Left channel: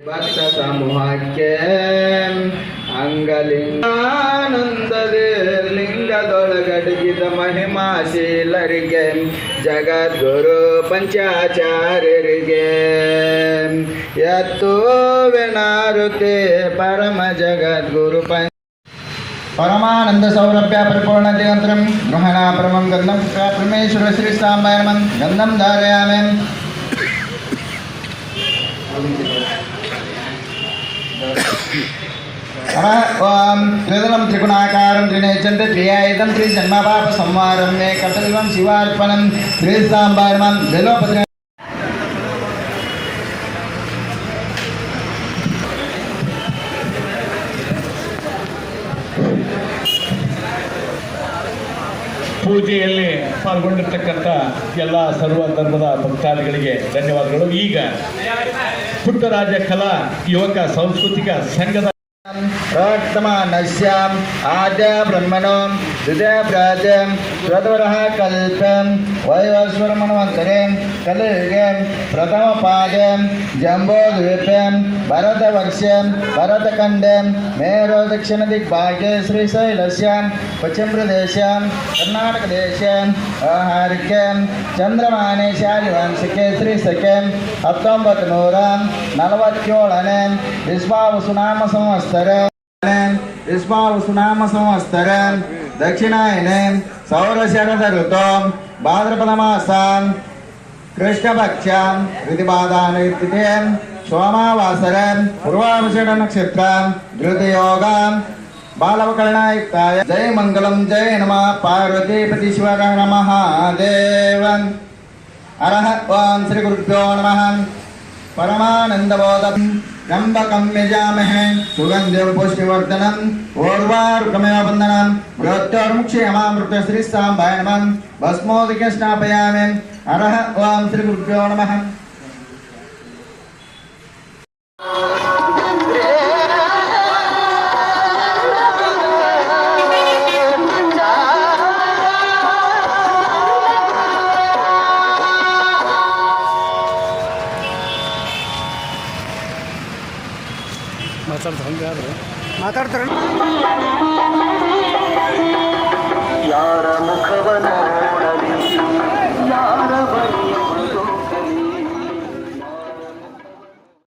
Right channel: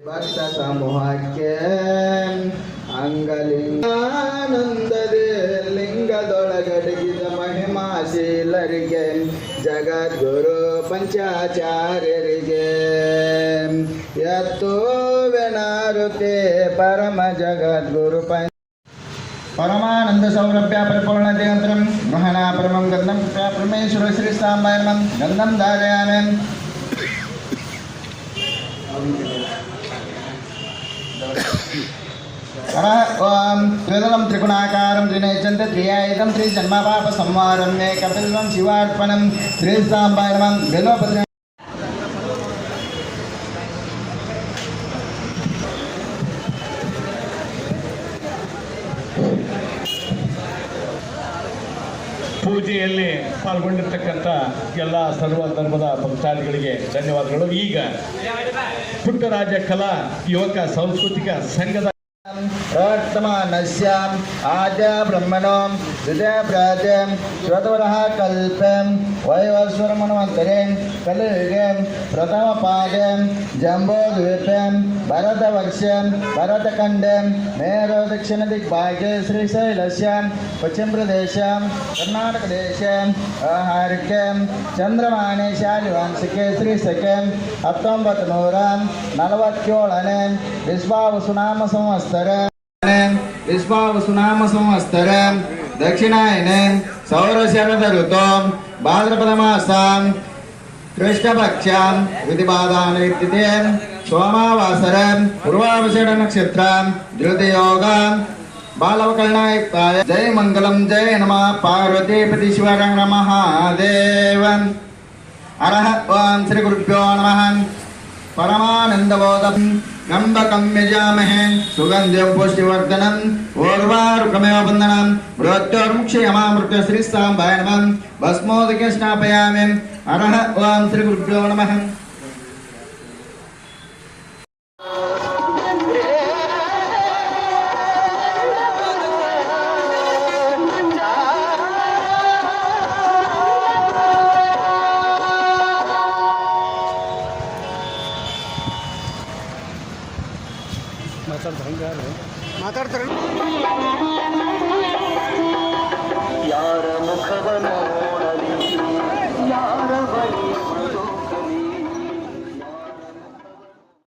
ಭಕ್ತ ಸಮೂಹಕ್ಕೆ ಅಂಗಲಿಂಗಾನಂದದೇ ಲಿಂಗದೊಳಗಡಗಿದ ಮಹಿಮಾಶೀಲರಿಗೆ ಜಗದ್ಗುರು ಪಂಚಾಚಾರ್ಯರಿಗೆ. ಎತ್ತುವೆನಾರುತೆ ಪರಮ ಜಗದ್ಗುರು ಪಂಚ ಪರಮಾನಂದ ಸೌರಭ್ಯ ಪರಿಪೂರ್ಣತೆ ನಂತರ ಗಹನ ಪರಮಂ ಗಂಧಂ ಪರಮೇಶ್ವರ ಶ್ರೀ ಸಾಮಾಯಮನ್ ಗಂಧಂ ಧಾರಯಾಮಿ. ఓం త్రిదలం త్రిగుణాకారం త్రినేచంత త్రియాయుధం త్రి జన్మపాప సంవారం మే కపిల్వం శివార్పణం శ్రీ సాంబయమం ಪೂಜೆಯಲ್ಲಿ ಪಾಲ್ಗೊಂಡಿರ್ತಕ್ಕಂಥ ಎಲ್ಲ ಸರ್ವ ಧರ್ಮದ ಭಕ್ತಾದಿಗಳಿಗೆ ಧನ್ಯವಾದಗಳು ಈಗ ಪುಟ್ಟರಾಜ ಕಲಾ ಯುವಕ ಸಾಂಸ್ಕೃತಿಕ ಸಂಘದ वर्तमानस्याम् आद्य ब्रह्मणो हृदय प्राजं स्वतवरः कल्पं वैवस्वरमणवन्तरे कलियुगे प्रथमपादं जम्बोद्वीपं భరతవర్ష్యం భరతఖండం మేరో దక్షిణ దిగ్భాగ్య శ్రీశైలస్యం పశ్చిమప్రదేశం కర్ణాటకదేశం వ్యవహారికం చంద్రమానే శాలివంశకే శ్రీశకం ಹತ್ತೊಂಬತ್ತು ನೂರ ನಲವತ್ತೇಳನೇ ವಿಸ್ವಾವು ಸುನಾಮ ಸಂವತ್ಸರ ವಿಸ್ವಾವು ಸುನಾಮ ಸಂವತ್ಸರ ದಕ್ಷಿಣಾಯನೆ ಸೌರಶರದ कृष्णपक्षाम् विधिपादानविद्युतीम् सोमावासरम् पूर्वावषडनक्षत्राम् धृतयोगाम् बालवकर्णायुक्ताय जय मङ्गलम् जय नमः पार्वतीपति शिवगणमहादेवन् अरहत्वान् श्रीगुरुभ्यो नमः परमानन्दबोधम् त्र्यंबकम यजामह सुगंधिम पुष्टिवर्धनम ओर्वारुकमेव बंधनम मृत्योर्मुक्षयमामृत श्रीस्तांबाय नमः, भस्मोदके स्नापयामि अरह ओम श्री गुरुभ्यो नमः। ಮಾತಾಡ್ತಾರೆ ಹಂಗೆ ಮಾತಾಡ್ತಾರೆ